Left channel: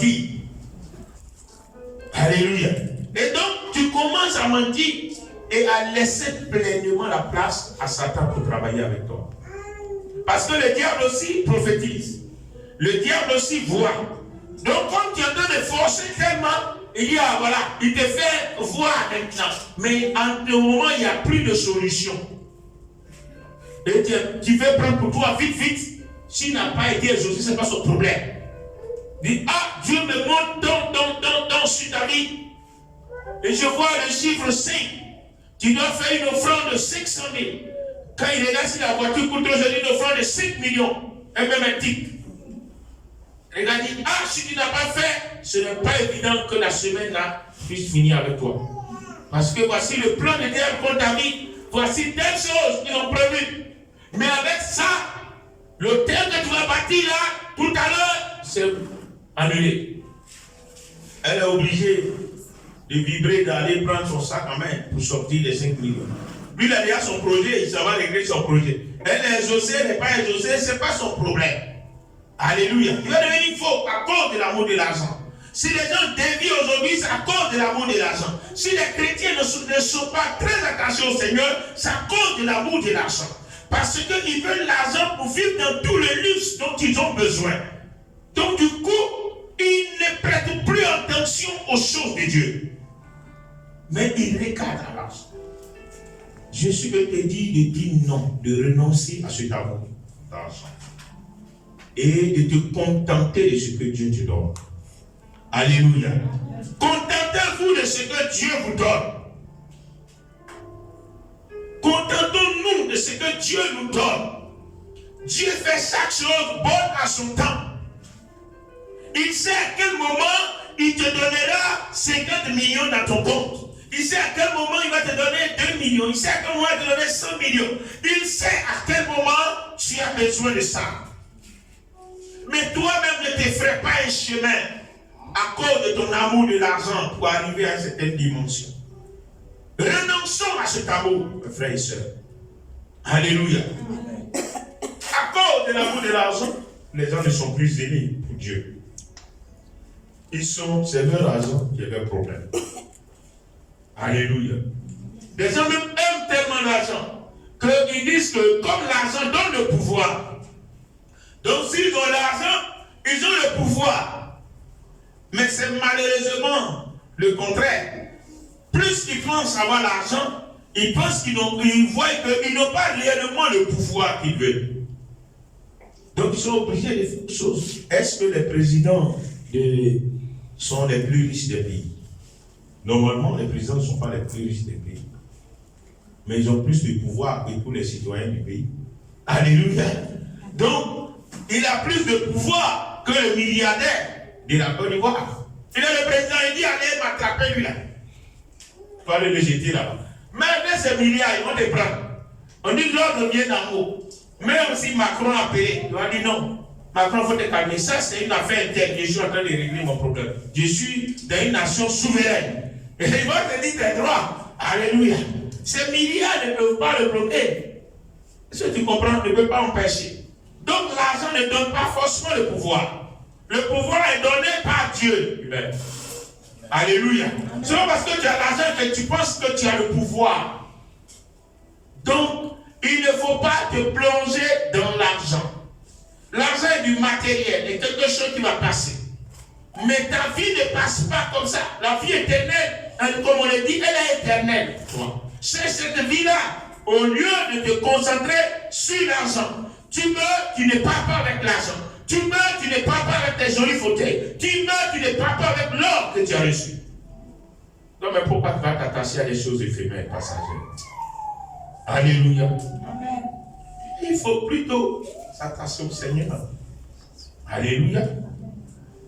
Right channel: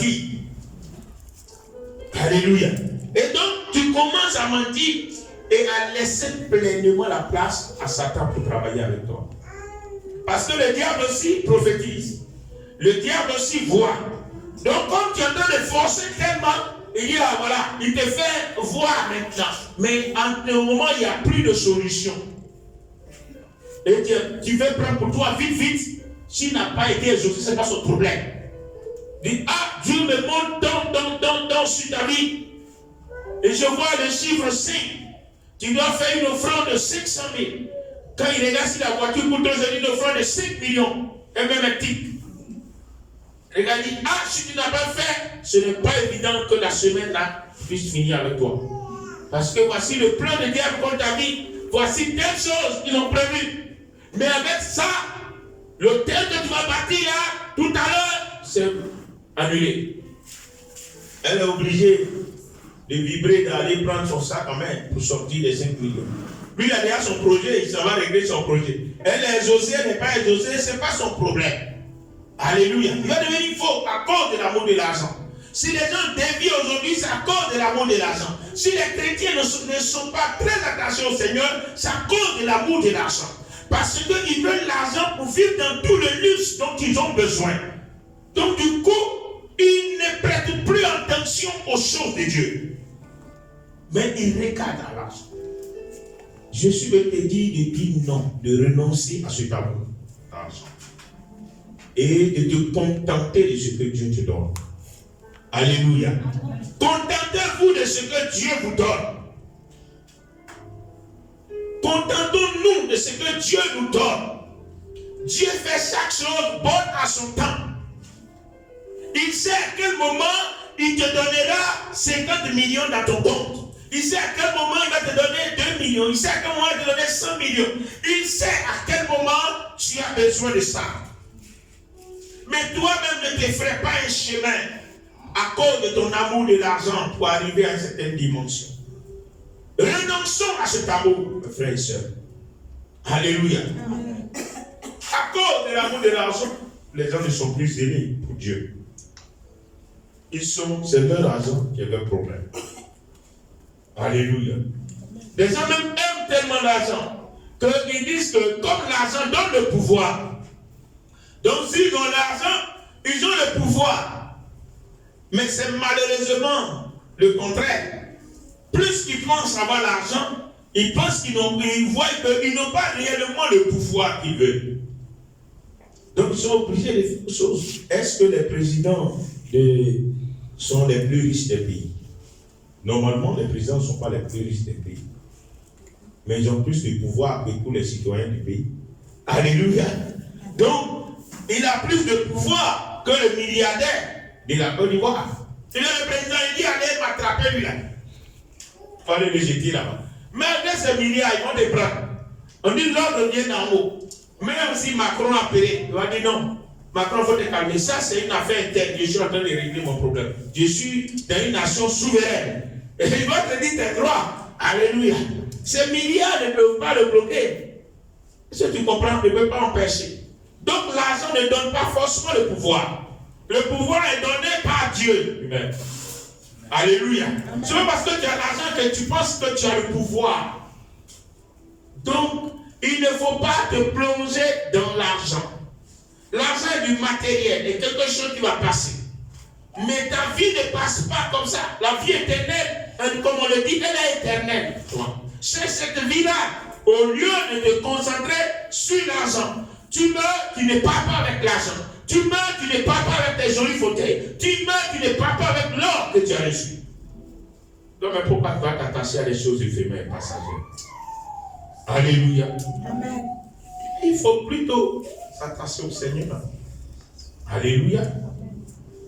mentir. Alléluia. Et donc, tu commences à mentir et à laisser pleinement la place à Satan pour travailler avec toi. Parce que le diable aussi prophétise. Le diable aussi voit. Donc, comme tu es en train de forcer tellement, il dit, ah voilà, il te fait voir maintenant. Mais en ce moment, il n'y a plus de solution. Et tu veux prendre pour toi vite, vite. S'il n'a pas été exaucé, ce n'est pas son problème. Il dit, ah, Dieu me montre dans sur ta vie. Et je vois le chiffre 5. Tu dois faire une offrande de 500 000. Quand il regarde si la voiture coûte aujourd'hui une offrande de 5 millions, et même un tic. Il a dit, ah, si tu n'as pas fait, ce n'est pas évident que la semaine-là puisse finir avec toi. Parce que voici le plan de diable contre ta vie. Voici telles choses qu'ils ont prévues. Mais avec ça, l'hôtel que tu vas bâtir là, tout à l'heure, c'est annulé. Elle est obligée de vibrer, d'aller prendre son sac en main pour sortir les 5 millions. Lui, il a déjà son projet, il s'en va régler son projet. Elle est exaucée, elle n'est pas exaucée, ce n'est pas son problème. Alléluia. Il va devenir faux à cause de l'amour de l'argent. Si les gens dévient aujourd'hui, c'est à cause de l'amour de l'argent. Si les chrétiens ne sont pas très attachés au Seigneur, c'est à cause de l'amour de l'argent. Parce qu'ils veulent l'argent pour vivre dans tout le luxe dont ils ont besoin. Donc du coup, ils ne prêtent plus attention aux choses de Dieu. Mais ils regardent à l'argent. Jésus veut te dire de dire non, de renoncer à cet amour d'argent. Et de te contenter de ce que Dieu te donne. Alléluia. Contentez-vous de ce que Dieu vous donne. Contentons-nous de ce que Dieu nous donne. Dieu fait chaque chose bonne à son temps. Il sait à quel moment il te donnera 50 millions dans ton compte. Il sait à quel moment il va te donner 2 millions. Il sait à quel moment il va te donner 100 millions. Il sait à quel moment tu as besoin de ça. Mais toi-même ne te ferais pas un chemin à cause de ton amour de l'argent pour arriver à une certaine dimension. Renonçons à cet amour, mes frères et sœurs. Alléluia. À cause de l'amour de l'argent, les gens ne sont plus zélés pour Dieu. C'est leur argent qui est leur problème. Alléluia. Les gens même aiment tellement l'argent qu'ils disent que comme l'argent donne le pouvoir, donc s'ils ont l'argent, ils ont le pouvoir. Mais c'est malheureusement le contraire. Plus qu'ils pensent avoir l'argent, ils pensent qu'ils voient qu'ils n'ont pas réellement le pouvoir qu'ils veulent. Donc ils sont obligés de faire des choses. Est-ce que les présidents sont les plus riches des pays? Normalement, les présidents ne sont pas les plus riches des pays. Mais ils ont plus de pouvoir que tous les citoyens du pays. Alléluia. Donc, il a plus de pouvoir que le milliardaire de la Côte d'Ivoire. Il est le président, il dit allez m'attraper lui là. Il fallait le jeter là-bas. Mais avec ces milliards, ils vont te prendre. On dit l'ordre vient d'en haut. Même si Macron a payé, il va dire non. Macron, il faut te calmer. Ça, c'est une affaire interne. Je suis en train de régler mon problème. Je suis dans une nation souveraine. Et il va te dire tes droits. Alléluia. Ces milliards ne peuvent pas le bloquer. Si tu comprends, ne peut pas empêcher. Donc l'argent ne donne pas forcément le pouvoir. Le pouvoir est donné par Dieu lui-même. Alléluia. Ce n'est pas parce que tu as l'argent que tu penses que tu as le pouvoir. Donc, il ne faut pas te plonger dans l'argent. L'argent est du matériel, est quelque chose qui va passer. Mais ta vie ne passe pas comme ça. La vie éternelle, comme on le dit, elle est éternelle. C'est cette vie-là, au lieu de te concentrer sur l'argent. Tu meurs, tu ne pars pas avec l'argent. Tu meurs, tu ne pars pas avec tes jolis fauteuils. Tu meurs, tu ne pars pas avec l'or que tu as reçu. Non, mais pourquoi tu vas t'attacher à des choses éphémères, passagères? Alléluia. Amen. Il faut plutôt s'attacher au Seigneur. Alléluia.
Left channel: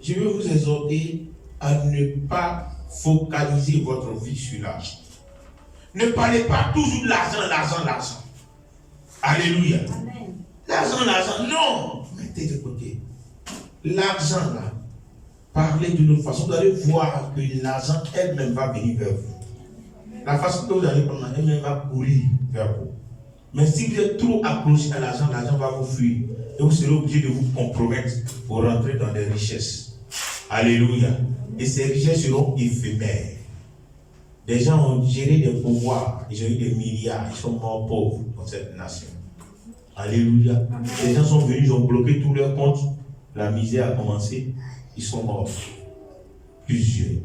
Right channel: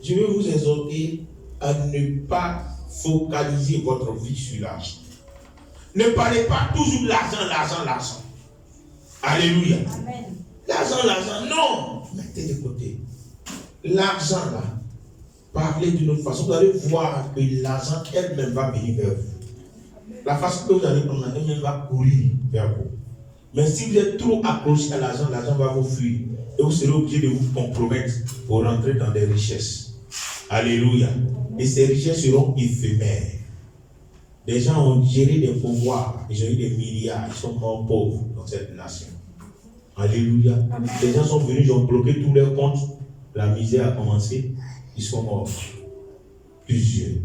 Je veux vous exhorter à ne pas focaliser votre vie sur l'argent. Ne parlez pas toujours de l'argent, l'argent, l'argent. Alléluia. Amen. L'argent, non. Mettez de côté. L'argent, là, parlez d'une autre façon. Vous allez voir que l'argent elle-même va venir vers vous. La façon que vous allez prendre, elle-même va courir vers vous. Mais si vous êtes trop accroché à l'argent, l'argent va vous fuir. Et vous serez obligé de vous compromettre pour rentrer dans des richesses. Alléluia. Et ces richesses seront éphémères. Des gens ont géré des pouvoirs, ils ont eu des milliards, ils sont morts pauvres dans cette nation. Alléluia. Les gens sont venus, ils ont bloqué tous leurs comptes. La misère a commencé, ils sont morts. Plusieurs.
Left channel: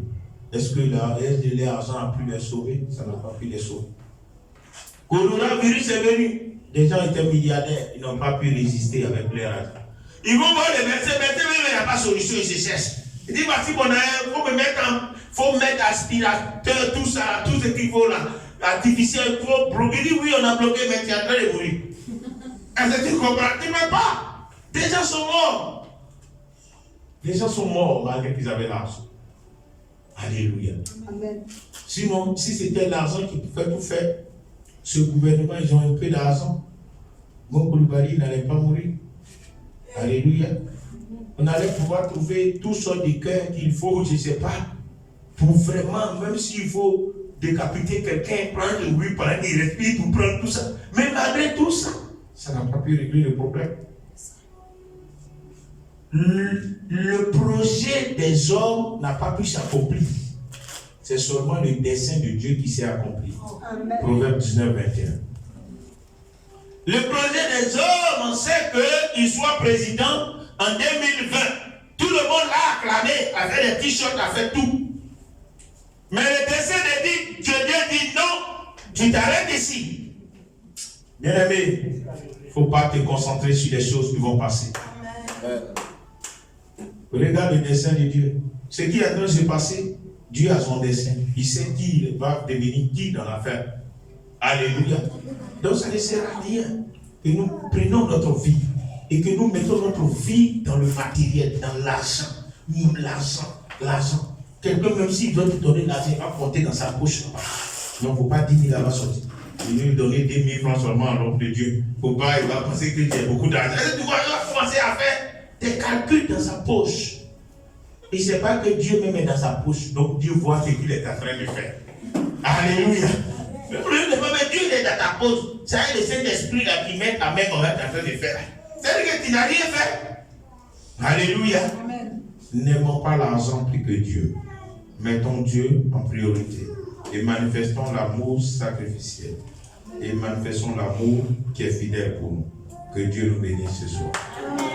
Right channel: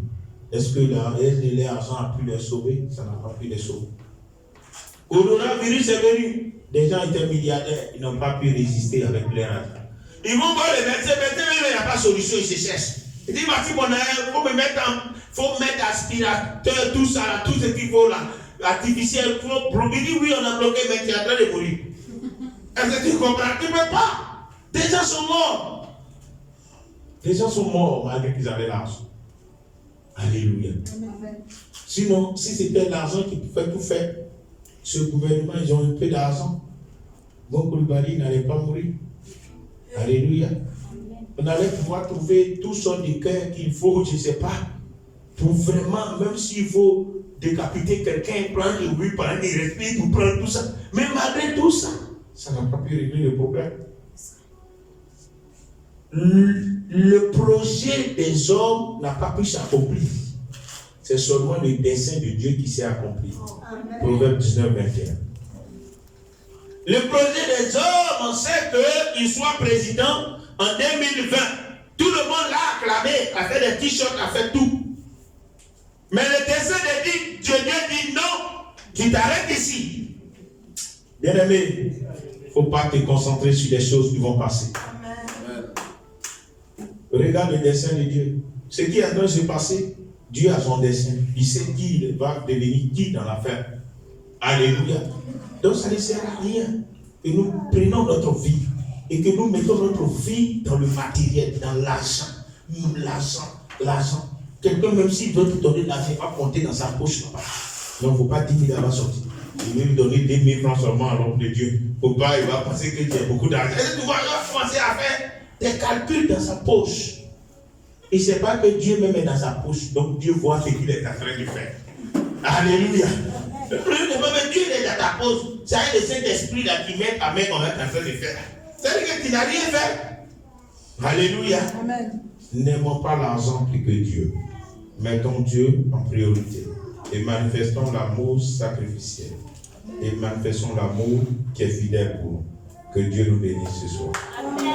Est-ce que l'argent a pu les sauver? Ça n'a pas pu les sauver. Coronavirus est venu. Des gens étaient milliardaires, ils n'ont pas pu résister avec leur argent. Ils vont voir les médecins, il n'y a pas de solution, ils se cherchent. Ils disent, voici mon argent, faut mettre aspirateur, tout ça, tout ce qu'il faut là, artificiel, il faut bloquer. Il dit, oui, on a bloqué, mais tu es en train de mourir. Est-ce que tu comprends? Tu ne peux pas. Des gens sont morts. Les gens sont morts malgré qu'ils avaient l'argent. Alléluia. Amen. Sinon, si c'était l'argent qui pouvait tout faire, ce gouvernement, ils ont un peu d'argent. Mon Koulibaly n'allait pas mourir. Alléluia. On allait pouvoir trouver tout sortes de cœurs qu'il faut, je ne sais pas, pour vraiment, même s'il faut décapiter quelqu'un, prendre le bruit, pendant qu'il respire, pour prendre tout ça. Mais malgré tout ça, ça n'a pas pu régler le problème. Le projet des hommes n'a pas pu s'accomplir. C'est seulement le dessein de Dieu qui s'est accompli. Amen. Proverbe 19, 21. Le projet des hommes, on sait qu'il soit président en 2020. Tout le monde l'a acclamé, a fait des t-shirts, a fait tout. Mais le dessein de Dieu dit non, tu t'arrêtes ici. Bien-aimé, il ne faut pas te concentrer sur les choses qui vont passer. Amen. Regarde le dessein de Dieu. Ce qui est en train de se passer, Dieu a son dessein. Il sait qui va devenir qui dans l'affaire. Alléluia. Donc ça ne sert à rien que nous prenions notre vie et que nous mettons notre vie dans le matériel, dans l'argent. L'argent. Quelqu'un, même s'il veut te donner l'argent, il va compter dans sa poche. Non, il ne faut pas 10 000 à la sortie. Il veut lui donner 10 000 francs seulement à l'homme de Dieu. Il ne faut pas, il va penser que tu as beaucoup d'argent. Tu vas commencer à faire des calculs dans sa poche. Il ne sait pas que Dieu même est dans sa poche. Donc Dieu voit ce qu'il est en train de faire. Alléluia. Le problème de même Dieu est dans ta poche. C'est le Saint-Esprit là qui met ta main qu'on est en train de faire. C'est-à-dire que tu n'as rien fait. Alléluia. Amen. N'aimons pas l'argent plus que Dieu. Mettons Dieu en priorité. Et manifestons l'amour sacrificiel. Et manifestons l'amour qui est fidèle pour nous. Que Dieu nous bénisse ce soir. Amen.